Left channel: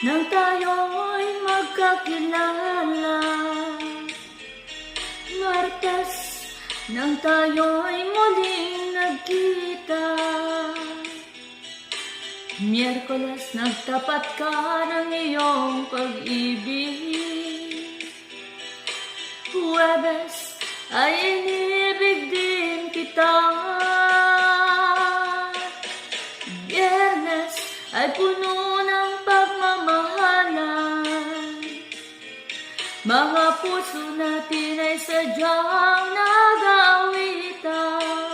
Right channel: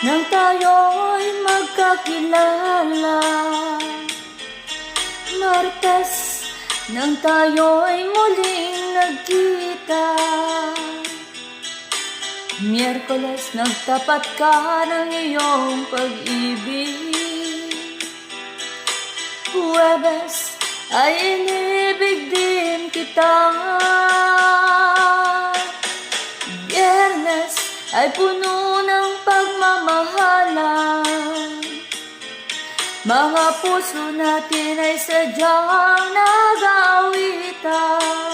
nang tayo'y magkakilala. Martes, nang tayo'y muling nagkita. Miyerkules, nagtapat ka ng iyong pag-ibig. Huwebes, ay inibig din kita. Biyernes, ay puno ng pagmamahalan. Mga puso natin ay sadyang nag-aawitan.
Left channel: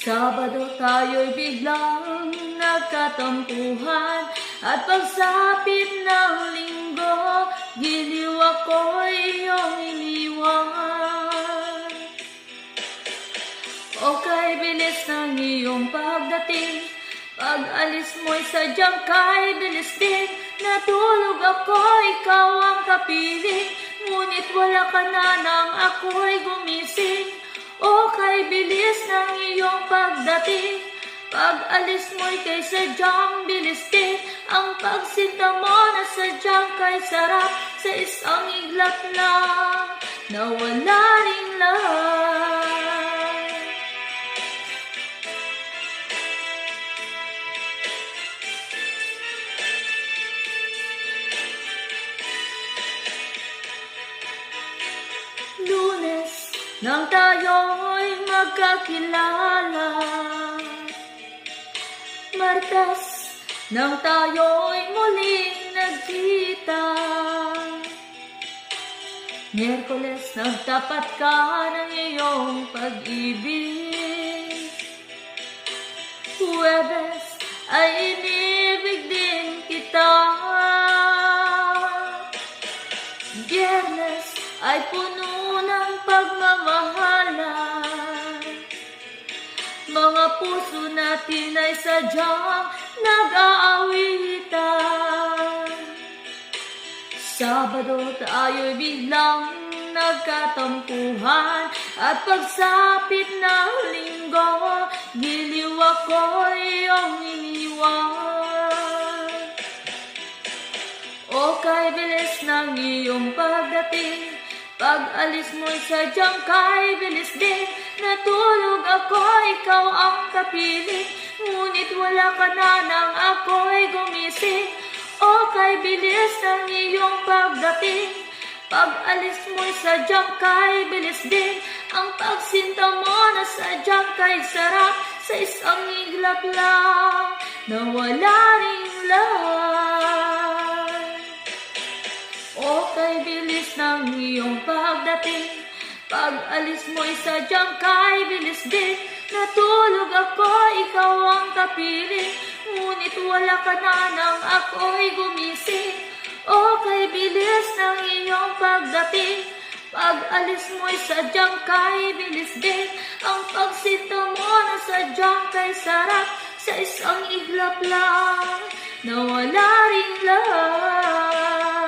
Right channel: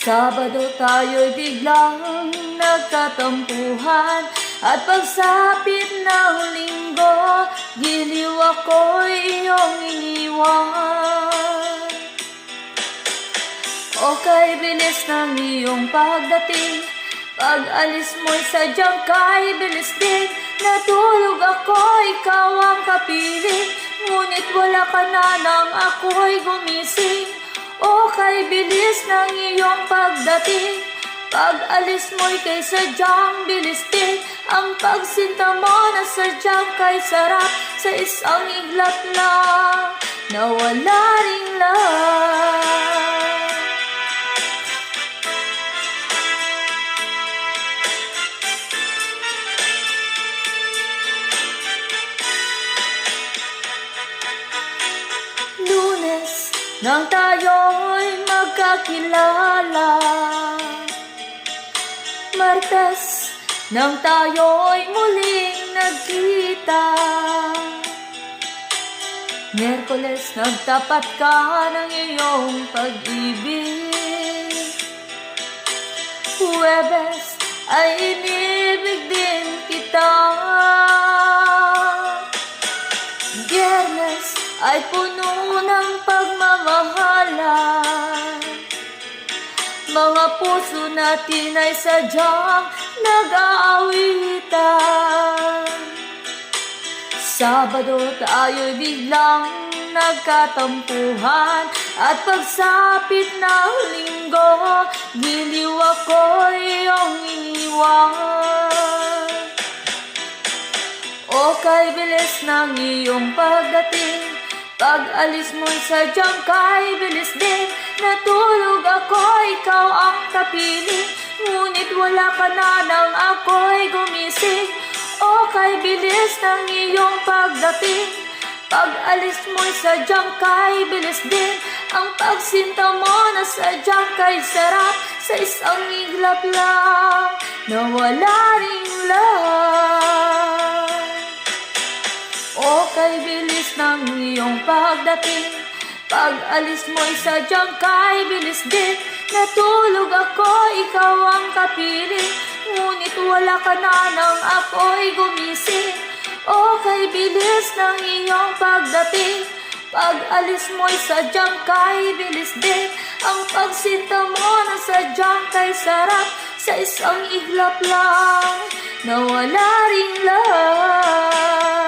Sabado tayo'y biglang nagkatampuhan, at pagsapit ng linggo, giliw ako'y iyong iniwan. Okay, bilis ng iyong pagdating, pag-alis mo'y sadyang kay bilis din. Natulog ako, ikaw ang kapiling, ngunit wala ka na nang ako'y gumising. Okay, bilis ng iyong pagdating, pag-alis mo'y kay sadyang bilis din. Ang pagsinta mo na sadyang kay sarap, sa isang iglap lang, nawala rin lang. Lunes, nang tayo'y magkakilala. Martes, nang tayo'y muling nagkita. Miyerkules, nagtapat ka ng iyong pag-ibig. Huwebes, ay inibig din kita. Biyernes, ay puno ng pagmamahalan. Mga puso natin ay sadyang nag-aawitan. Sabado tayo'y biglang nagkatampuhan, at pagsapit ng linggo, giliw ako'y iyong iniwan. Okay, bilis ng iyong pagdating, pag-alis mo'y sadyang kay bilis din. Natulog ako, ikaw ang kapiling, ngunit wala ka na nang ako'y gumising. Okay, bilis ng iyong pagdating, pag-alis mo'y sadyang kay bilis din. Ang pagsinta mo na sadyang kay sarap, sa isang iglap lang, nawala rin lang. Okay, bilis ng iyong pagdating, pag-alis mo'y sadyang kay bilis din. Natulog ako, ikaw ang kapiling, ngunit wala ka na nang ako'y gumising. Okay, bilis ng iyong pagdating, pag-alis mo'y sadyang kay bilis din. Ang pagsinta mo na sadyang kay sarap, sa isang iglap lang, nawala rin lang.